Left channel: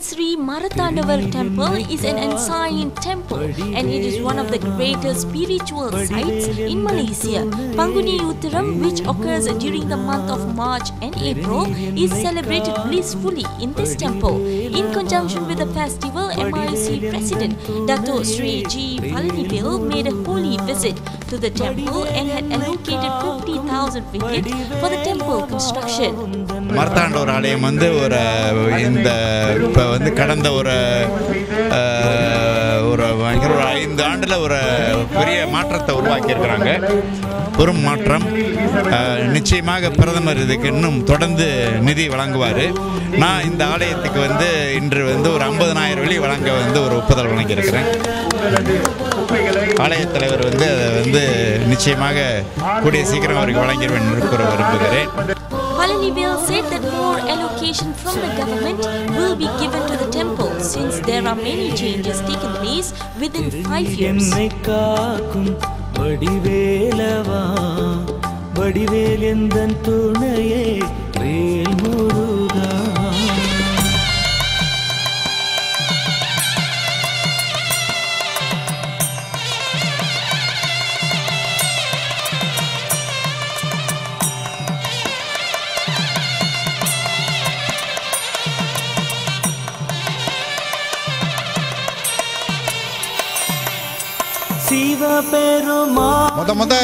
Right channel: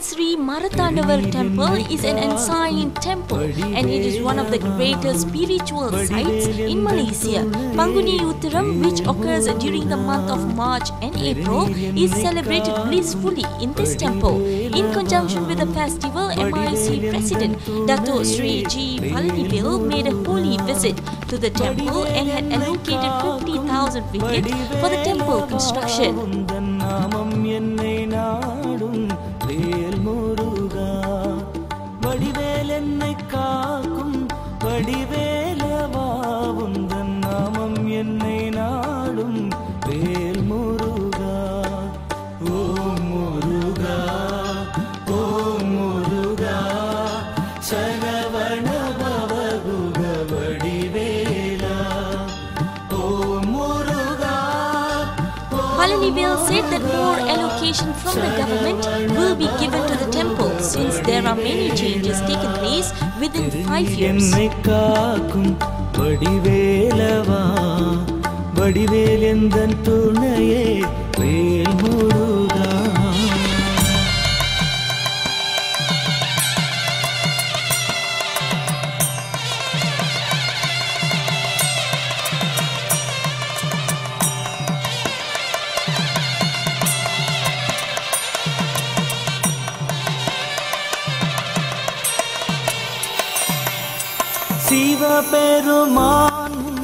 Sri Marathandavar temple is an ancient temple and it is one of the greatest spiritual sites in Malaysia. Panguni Uthiram, which occurs during the month of March and April, is celebrated blissfully in this temple. In conjunction with the festival, MIC President Dato' Sri G. Palanivil made a holy visit to the temple and had allocated 50,000 ringgit for the temple construction. மார்த்தாண்டவர் ஆலயம் வந்து இப்போ கடந்த ஒரு 5 ஆண்டில் ஒரு பெரிய மாற்றத்தை உருவாக்கியிருக்கிறாங்க. ஒரு மாற்றம் நிச்சயமாக பிரதமர் இதுக்கு இன்னும் தொடர்ந்து நிதி வழங்குவார். நான் இந்த ஆலயத்துக்கு இன்று ஒரு 50,000 வெள்ளி வழங்க ஒரு ஒப்புதல் வழங்கியிருக்கிறேன். ஆலய தலைவர் அதை நிச்சயமாக கூடிய சீக்கிரம் அவருக்கு வழங்கிடுவேன் என்று கூற விரும்புகிறேன். Palanivil said that more allocation from the government will be given to the temple since there are many changes taking place within 5 years.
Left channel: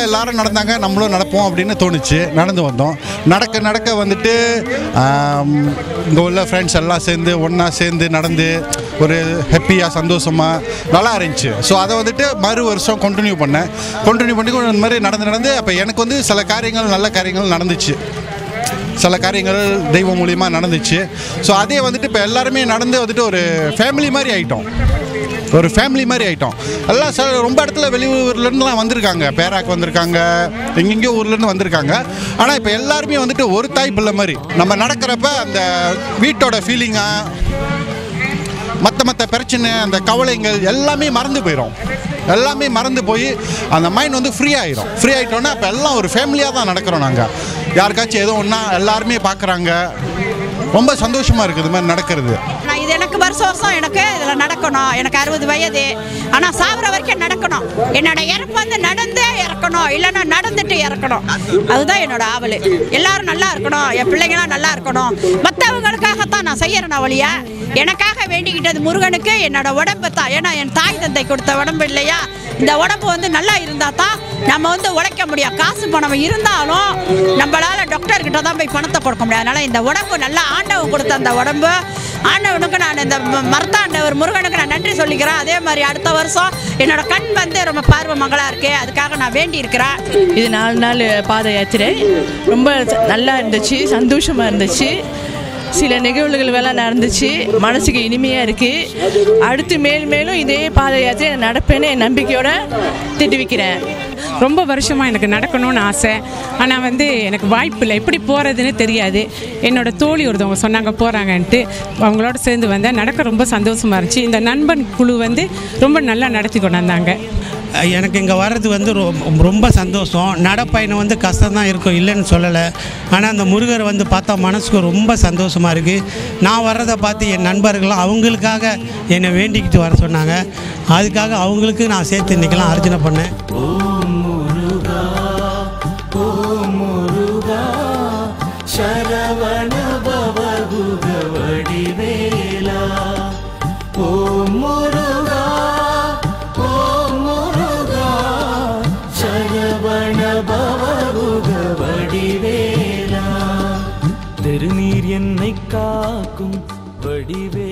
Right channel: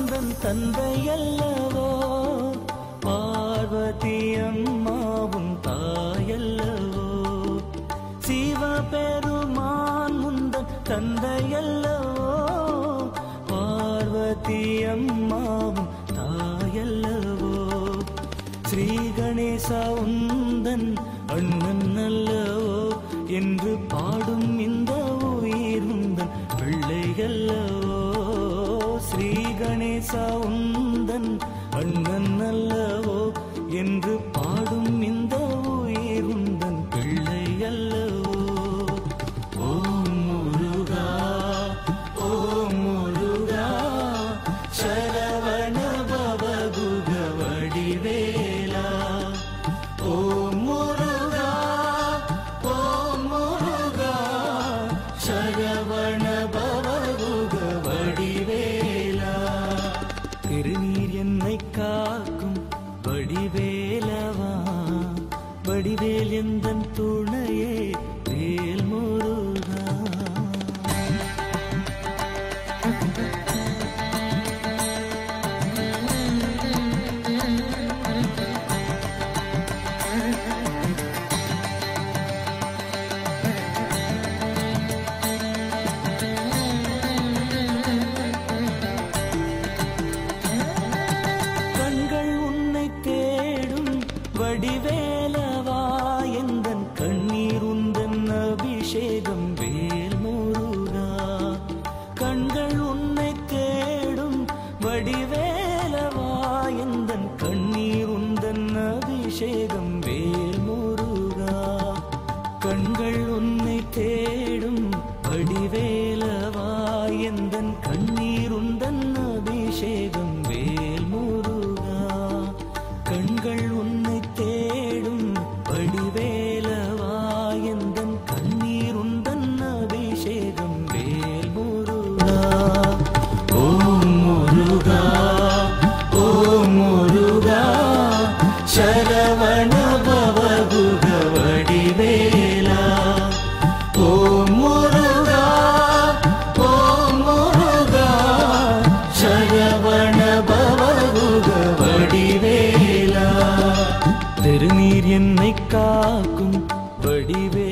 எல்லாரும் நடந்தாங்க, நம்மளும் நடப்போம் அப்படின்னு தோணுச்சு. நடந்து வந்தோம். நடக்க இங்கே உள்ள ஃப்ரெண்ட்ஸ் எல்லாம் சேர்ந்து ஒன்றா சேர்ந்து நடந்து ஒரு ஹாப்பியாக சந்தோஷமாக நல்லா இருந்துச்சு. ஸோ அதை மறு வருஷம் கண்டினியூ பண்ணி இந்த மாதிரி நடந்து அப்போ எனக்கு சில காரியங்கள் நல்ல காரியங்கள் நடந்துச்சு, சில காரியங்கள் தெய்வம் மூலியமாக நடந்துச்சு. ஸோ அதே இப்போ எல்லாருமே நடந்து ஒரு ஃபேமிலி மாதிரி ஆகிட்டோம். எல்லாம் ரொம்ப இடத்துல வெளியூர்லேருந்துலாம் வந்திருக்காங்க, பேராக் வந்திருக்காங்க, எங்கெங்கேயோ ஊர்லேருந்து வந்திருக்காங்க. ஆனால் இப்போ எல்லாருமே ஒரு தாய் பிள்ளை மாதிரி நம்ம நடக்கிறப்ப அந்த வீட்டோட ஃபீலிங்காக மற்ற பிரச்சனை அந்த கவலைங்கள் எல்லாமே மறந்து போயிடும். எல்லாமே மறந்து போய் அந்த மைண்ட் ஃப்ரீ ஆகிட்டோன்னா இப்போ எல்லாம் ஒரு ஃபேமிலியாக தான் நடக்கிறோம். நாங்கள் யாருக்காச்சும் ஏதோ ஒன்றா எல்லாருமே பார்க்குறாங்க. ரொம்ப சந்தோஷமாக இருக்குது இது மாதிரி நடக்கிறது. இது எனக்கு வருஷம் எனக்கு இதில் நடக்கணும். எனக்கு 60 வயது. ஆனால் சாப்பிட்ற வரைக்கும் நடக்கணும். என்னோட இறப்பு நடந்தே இறக்கணும், இல்லைன்னா நடந்துட்டு இறக்கணும். அதுதான் என்னோட ஆவல். எல்லாரும் நல்லா இருக்கணும், என் பிள்ளைங்களாம் நல்லா இருக்கணும். மற்றவங்களுக்காகத்தான் நான் செய்யறேன் ஒழிய எனக்காக வேண்டிக்கிட்டது முருகனுக்கு என்னோட உடம்பு தான். ஏன்னா என் தாய் தந்தை கொடுத்த உடம்பு இல்லையா. இந்த உடம்பு நல்லா இருந்தால் தான் நம்ம உழைக்க முடியும். காசு பணம் இருந்தாலும் நம்மளால டாக்டர் கிட்ட தான் போய் பணத்தை கொடுக்க முடியாது. அதனால இந்த உடம்பு நல்லா ஆண்டவன் கொடுத்த அந்த உடம்பு ஆண்டவனுக்கு நான் இந்த மருத்தாண்டவர் முருகனுக்கு நான் நன்றி சொல்லிக்கிறேன். அதே மாதிரி அடுத்த வருஷம் என்னோட கண் ரொம்ப பார்வை மங்களா இருக்கு. அதுக்காக நான் வேண்டி இருக்கிறேன். இது 4 நாள் பாத யாத்திரை ரொம்ப நல்லா இருந்துச்சு, சந்தோஷமா இருந்துச்சு. சில நிகழ்வுகள் வேலை நடந்துச்சு, மனசுக்கு இனிமையாக இருக்குது. அடுத்து மேலும் இதே பாத யாத்திரை நடப்பேன்னு என் நம்பிக்கையோட தெரிவிக்கிறேன். ரொம்ப வருஷமாக எனக்கு நடக்கணும்னு ஆசை. ஆனால் எனக்கு வாய்ப்பு இல்லை, எப்படி போகிறதுன்னு தெரியாது. என்னோட தோழி ஒருத்தவங்க சொன்னாங்க போகிறாங்கன்ட்டு, அவங்களோட சேர்ந்து வந்தேன். நடக்க ரொம்ப சந்தோஷமாக இருந்துச்சு. இந்த நண்பன் குழு ரொம்ப நல்லா நடத்தி கொண்டு வந்தாங்க. எனக்கு இங்கே வர்றது ரொம்ப சந்தோஷம். நடப்பயணம் கஷ்டம் தான் இருக்கும், இல்லைன்னு சொல்லலை. ஆனால் அந்த முருகரை பார்த்தா மனசுக்கு ரொம்ப சந்தோஷமாக இருக்குது. நான் வர்றதை பார்த்து என் நண்பர்களும் அவங்களுக்காக என்னை வேண்டிக்கிட்டு வர சொன்னாங்க. அதுக்காக அவங்களுக்கு நான் சேர்த்து இன்றைக்கெல்லாம் அர்ச்சனை பண்ணேன். ஓம் முருகா, ஓம் முருகா, சரவண பவகுக வடிவேலா. ஓம் முருகா, ஓம் முருகா, சரவண பவகுக வடிவேலா. திருநீர் என்னை காக்கும் வடிவே